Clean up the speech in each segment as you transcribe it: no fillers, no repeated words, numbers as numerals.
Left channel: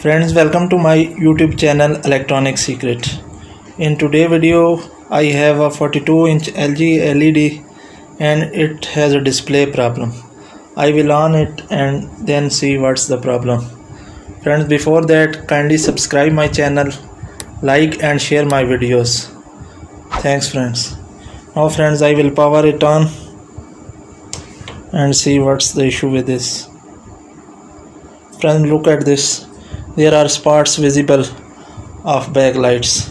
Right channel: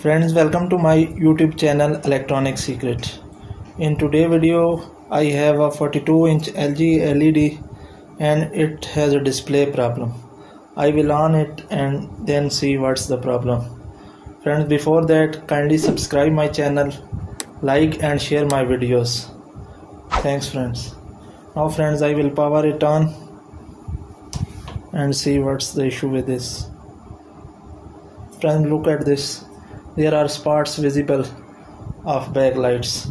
Friends, welcome to my YouTube channel Electronic Secret. In today's video I have a 42-inch LG LED and it has a display problem. I will on it and then see what's the problem. Friends, before that, kindly subscribe my channel, like and share my videos. Thanks friends. Now friends, I will power it on and see what's the issue with this. Friends, look at this. There are spots visible of backlights.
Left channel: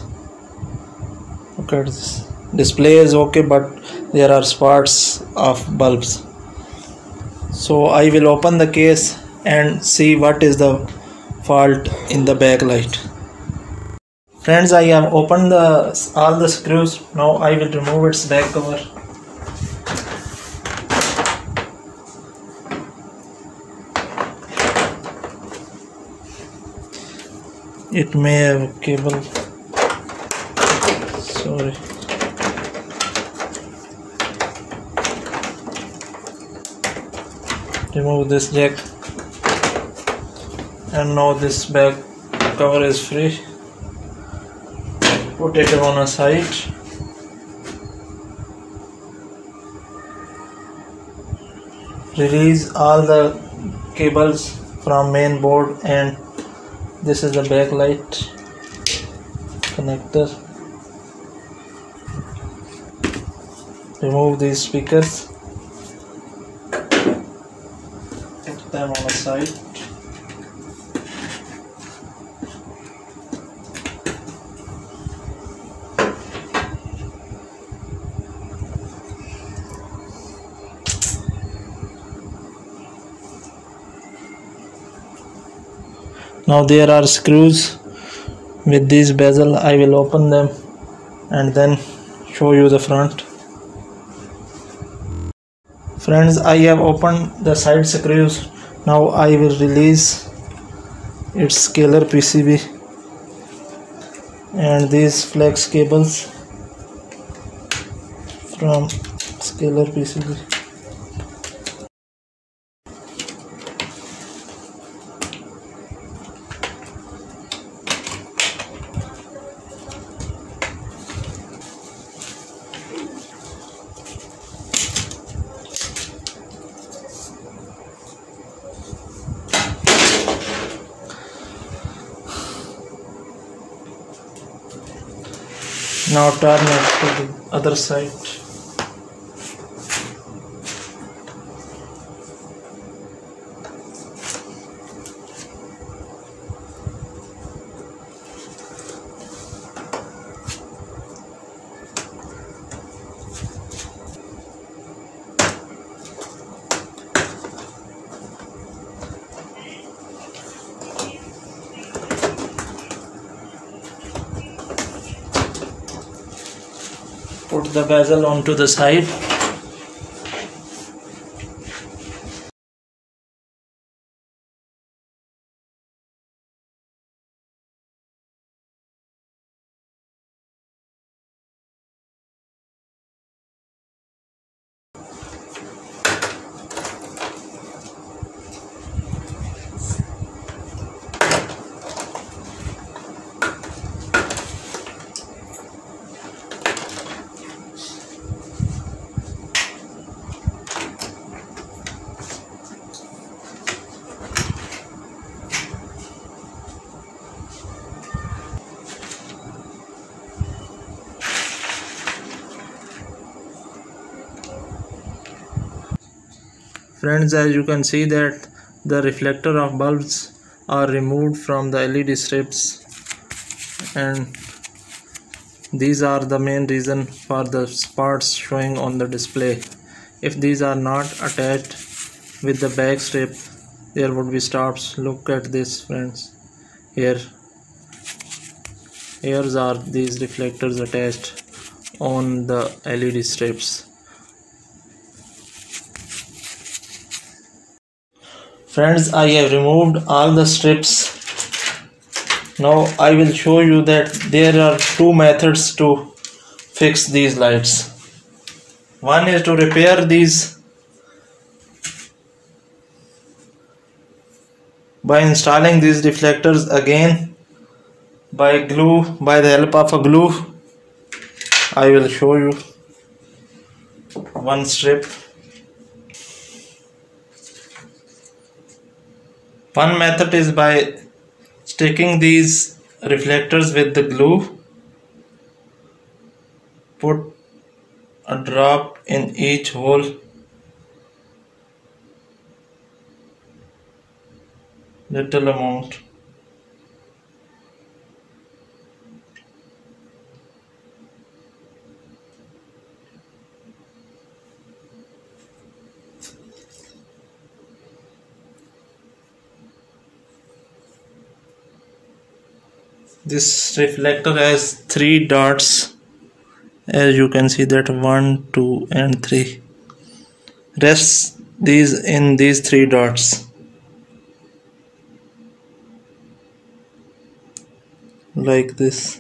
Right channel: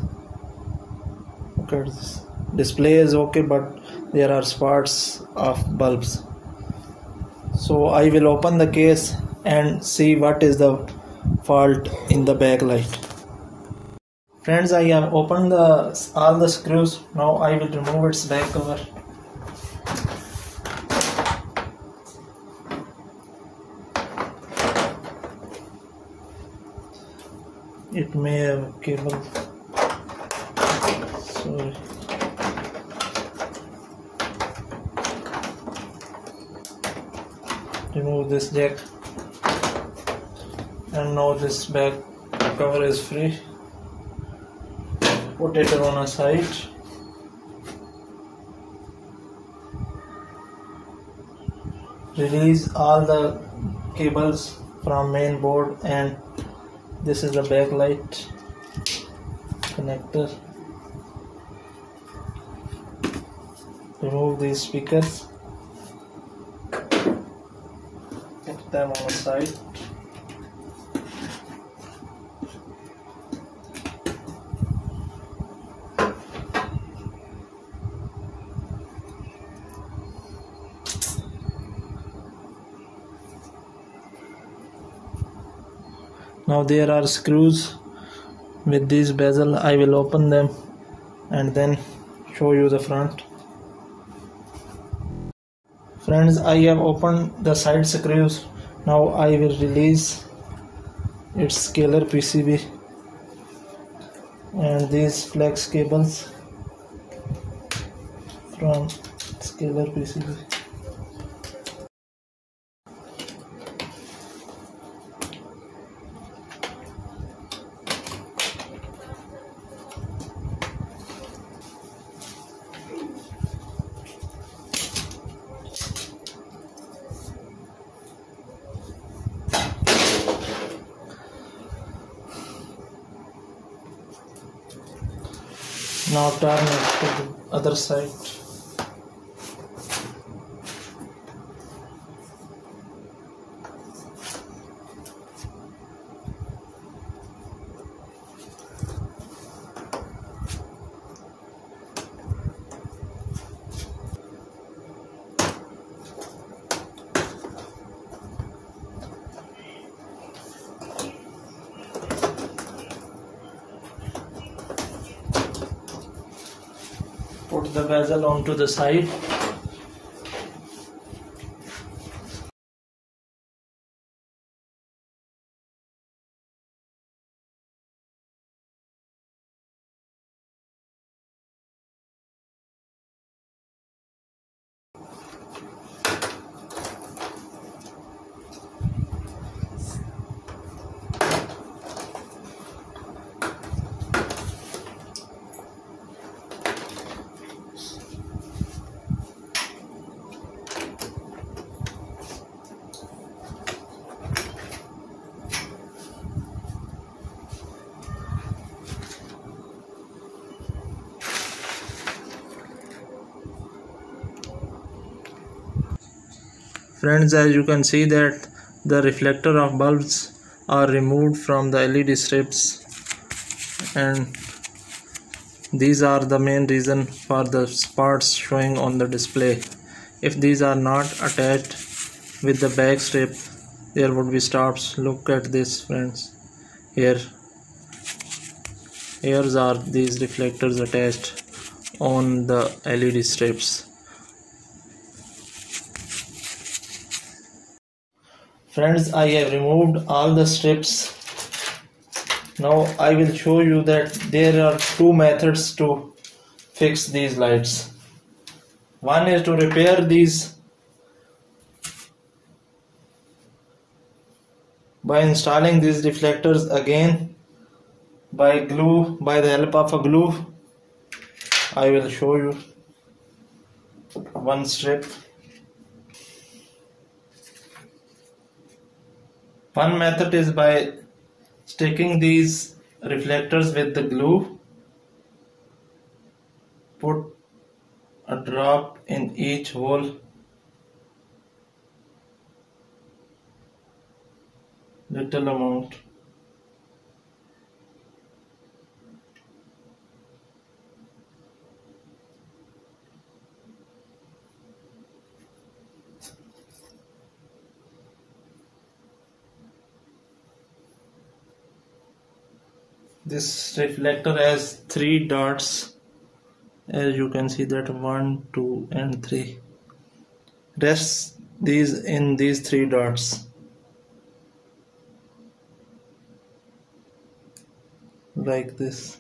Look at this. Display is okay, but there are spots of bulbs. So I will open the case and see what is the fault in the backlight. Friends, I have opened all the screws. Now I will remove its back cover. It may have a cable. Sorry. Remove this jack. And now this back cover is free. Put it on a side. Release all the cables from main board, and this is the backlight connector. Remove these speakers. Put them on the side. Now there are screws with this bezel. I will open them and then show you the front. Friends, I have opened the side screws. Now I will release its scalar PCB and these flex cables from scalar PCB. Now turn it to the other side. Put the bezel onto the side. Friends, as you can see that the reflector of bulbs are removed from the LED strips, and these are the main reason for the spots showing on the display. If these are not attached with the back strip, there would be stops. Look at this friends. Here are these reflectors attached on the LED strips. Friends, I have removed all the strips. Now I will show you that there are two methods to fix these lights. One is to repair these By installing these reflectors again by the help of a glue, I will show you one strip. One method is by sticking these reflectors with the glue. Put a drop in each hole. Little amount. This reflector has 3 dots, as you can see that 1, 2 and 3. Rest these in these 3 dots like this.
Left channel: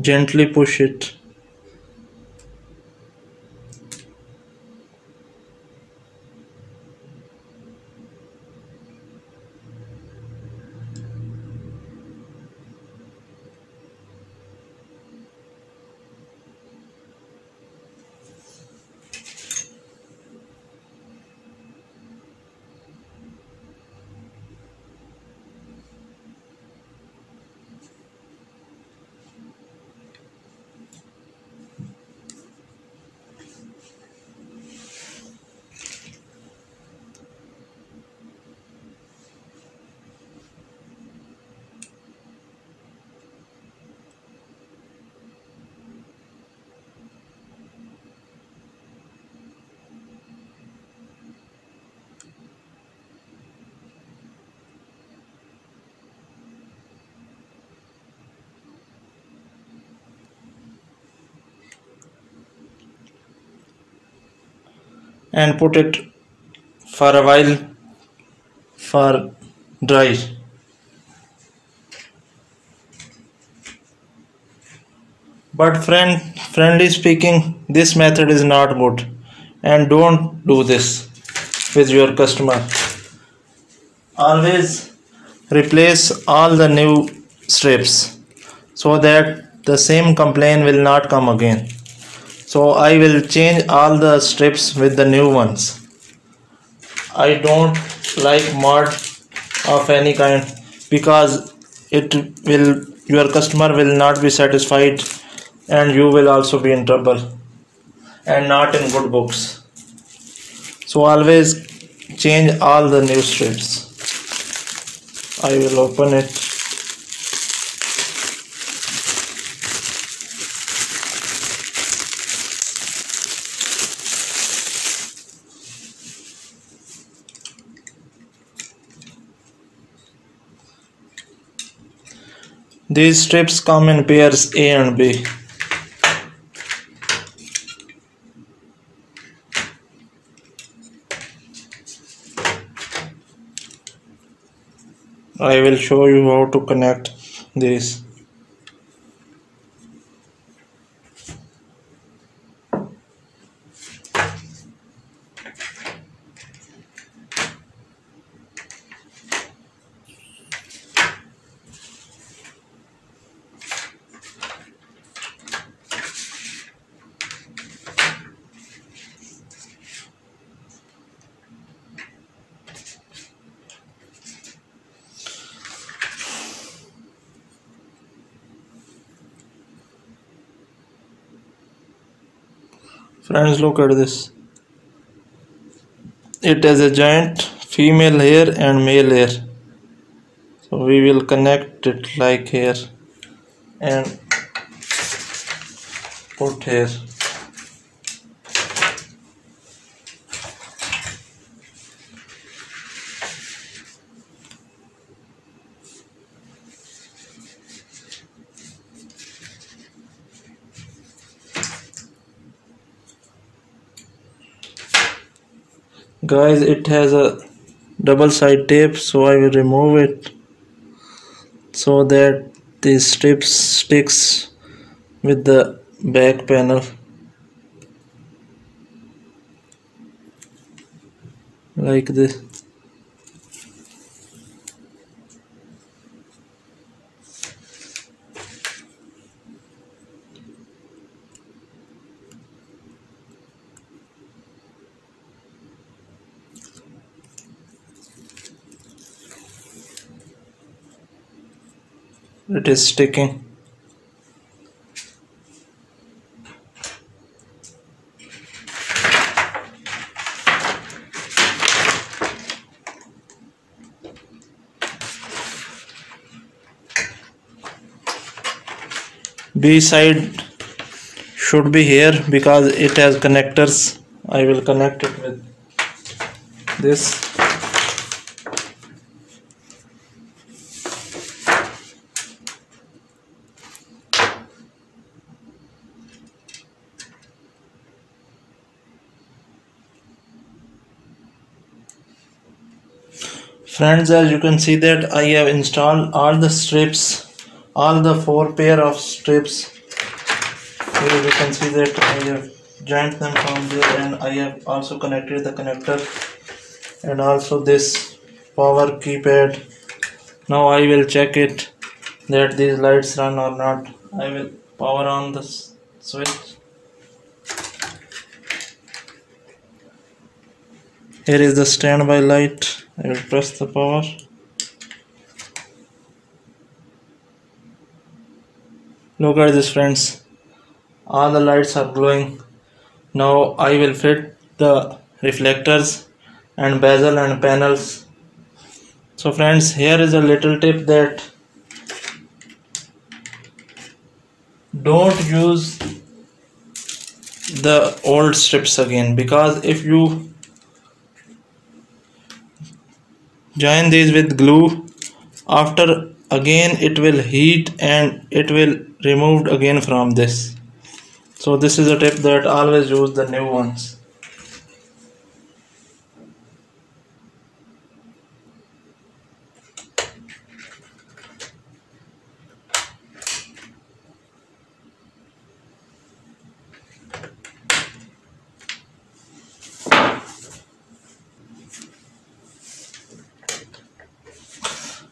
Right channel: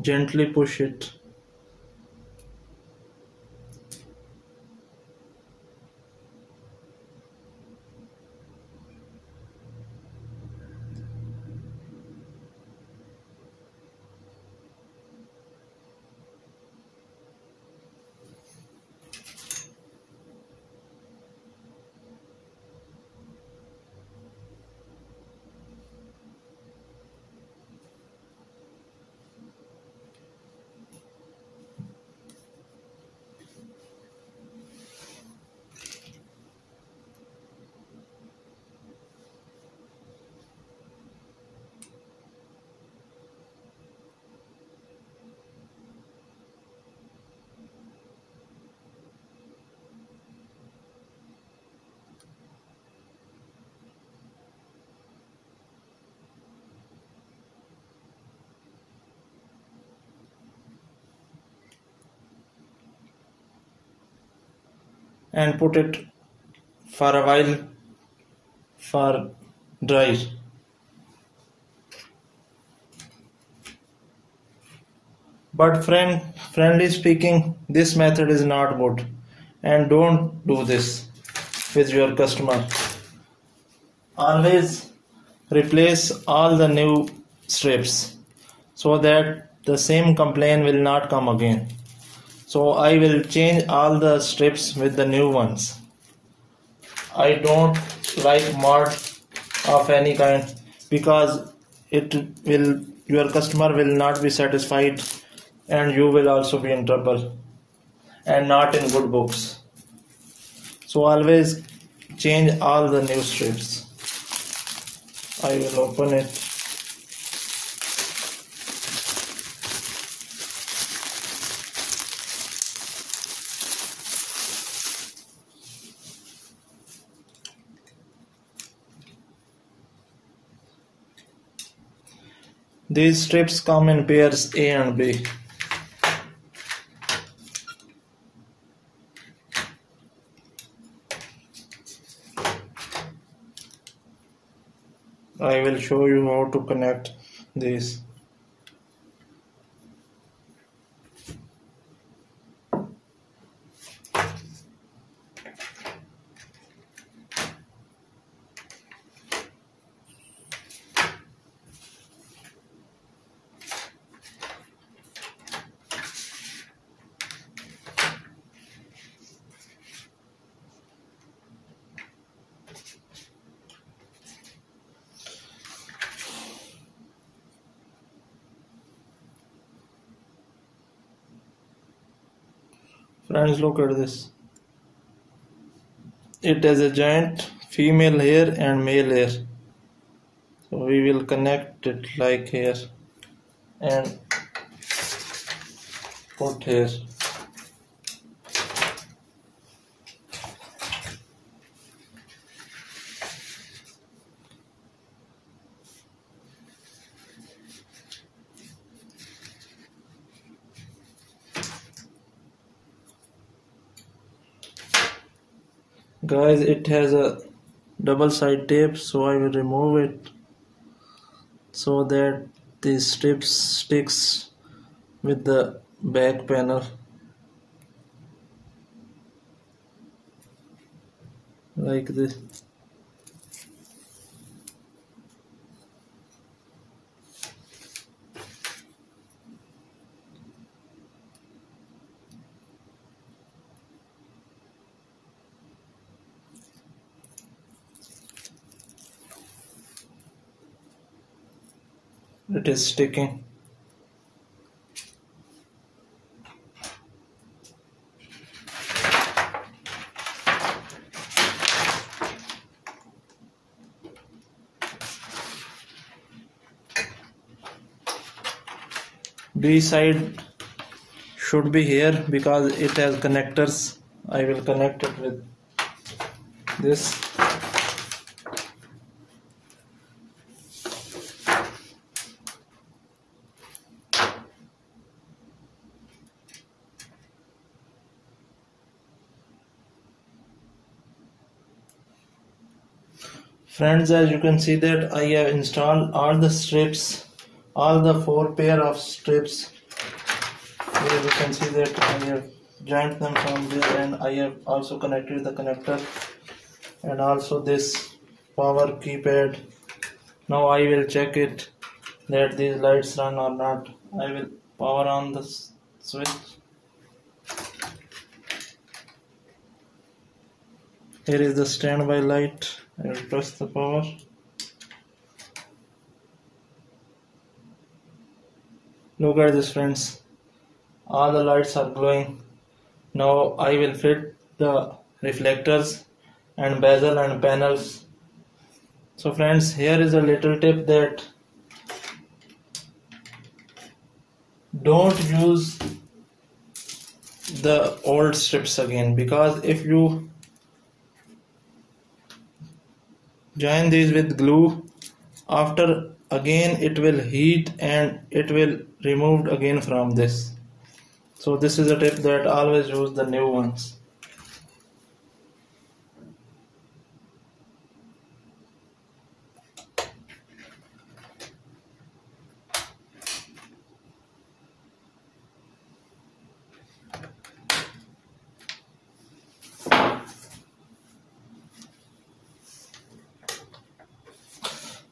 Gently push it. And put it for a while for dry. But friendly speaking, this method is not good, and don't do this with your customer. Always replace all the new strips so that the same complaint will not come again. So I will change all the strips with the new ones. I don't like mud of any kind, because your customer will not be satisfied and you will also be in trouble and not in good books. So always change all the new strips. I will open it. These strips come in pairs A and B. I will show you how to connect these. Friends, look at this. It has a giant female hair and male hair. So we will connect it like here and put here. Guys, it has a double side tape, so I will remove it so that these strips sticks with the back panel like this. It is sticking. B side should be here because it has connectors. I will connect it with this. Friends, as you can see that I have installed all the strips, all the 4 pair of strips. Here you can see that I have joined them from there, and I have also connected the connector and also this power keypad. Now I will check it that these lights run or not. I will power on the switch. Here is the standby light. I will press the power. Look at this, friends. All the lights are glowing. Now I will fit the reflectors and bezel and panels. So friends, here is a little tip that don't use the old strips again, because if you join these with glue, after again it will heat and it will removed again from this. So this is a tip that always use the new ones.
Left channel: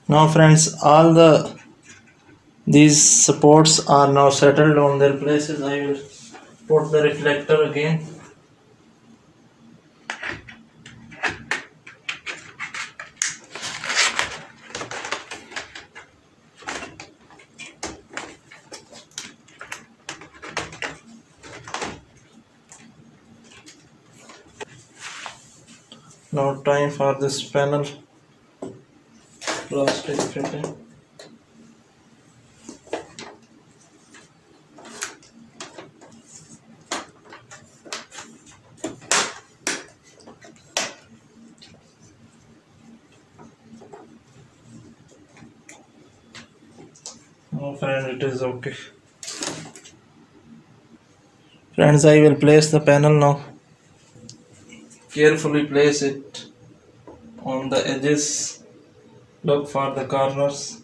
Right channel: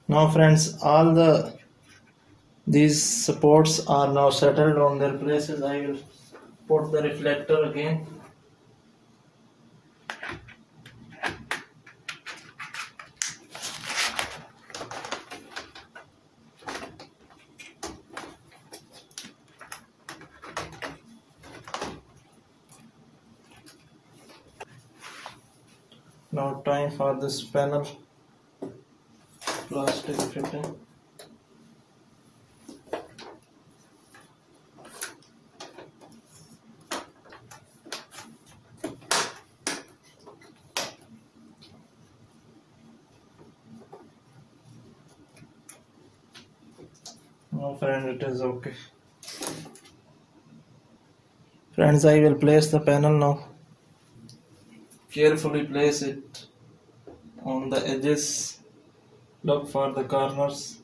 Now friends, all these supports are now settled on their places. I will put the reflector again. Now time for this panel plastic fitting. Now friend, it is okay. Friends, I will place the panel now. Carefully place it on the edges. Look for the corners.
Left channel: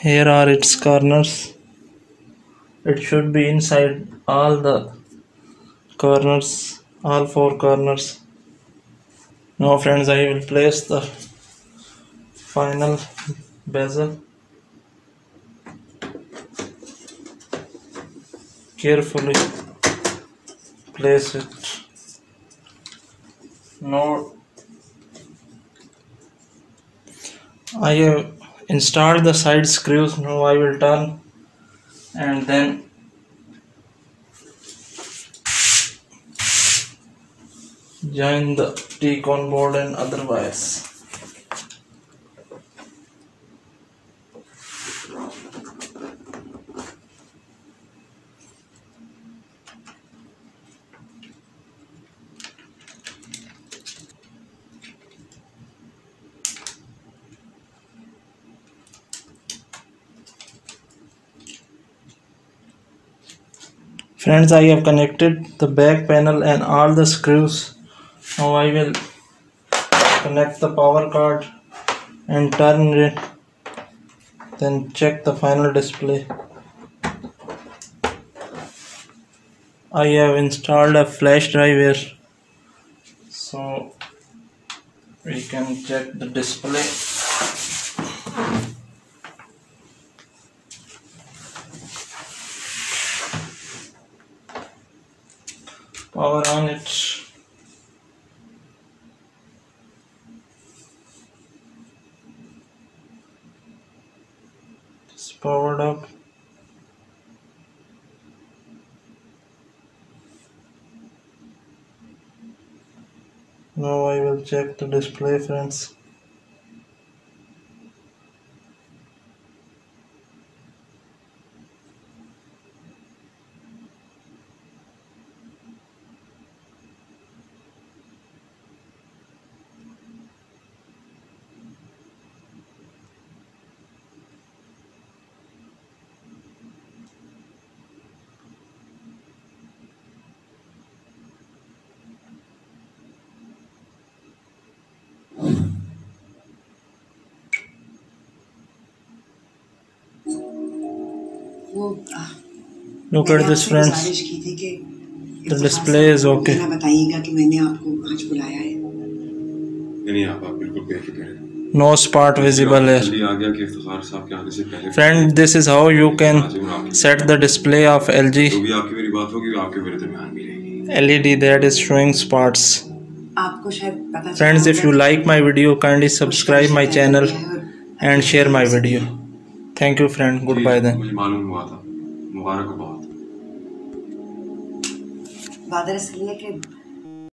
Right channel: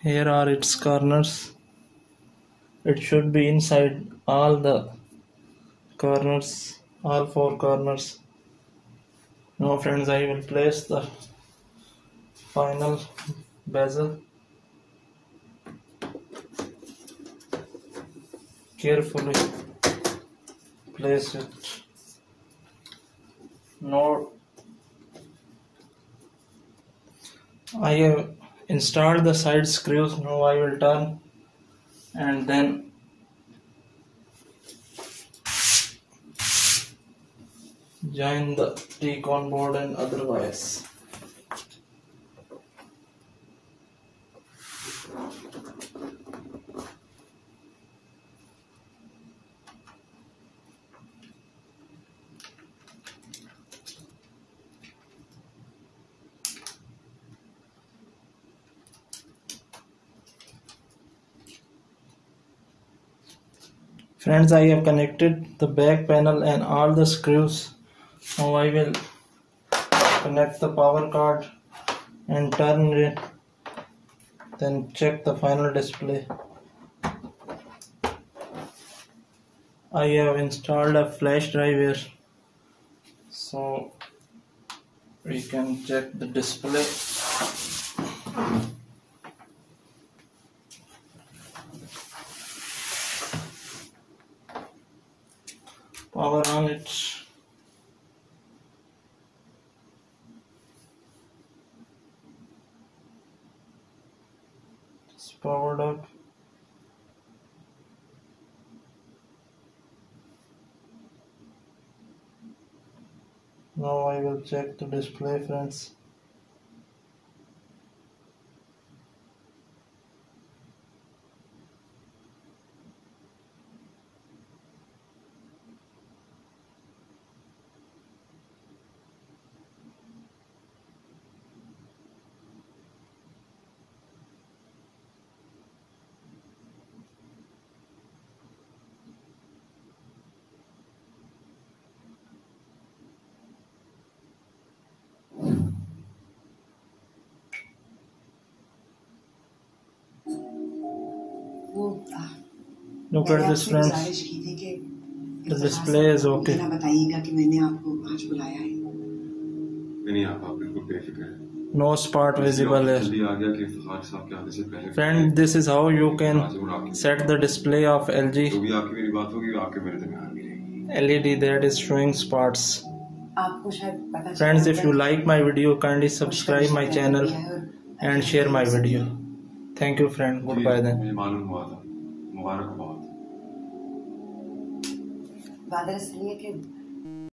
Here are its corners. It should be inside all the corners, all 4 corners. Now friends, I will place the final bezel. Carefully place it. Now I have installed the side screws. Now I will turn and then join the T-con board and other wires. Friends, I have connected the back panel and all the screws. Now I will connect the power card and turn it, then check the final display. I have installed a flash drive here, so we can check the display. Power on it. It's powered up. Now I will check the display, friends. Look at this, friends. The display is okay. No spot visible here. Friend, this is how you can set the display of LG LED that is showing spots. Friends, if you like my video, kindly subscribe my channel and share my video. Thank you, friend. Goodbye then.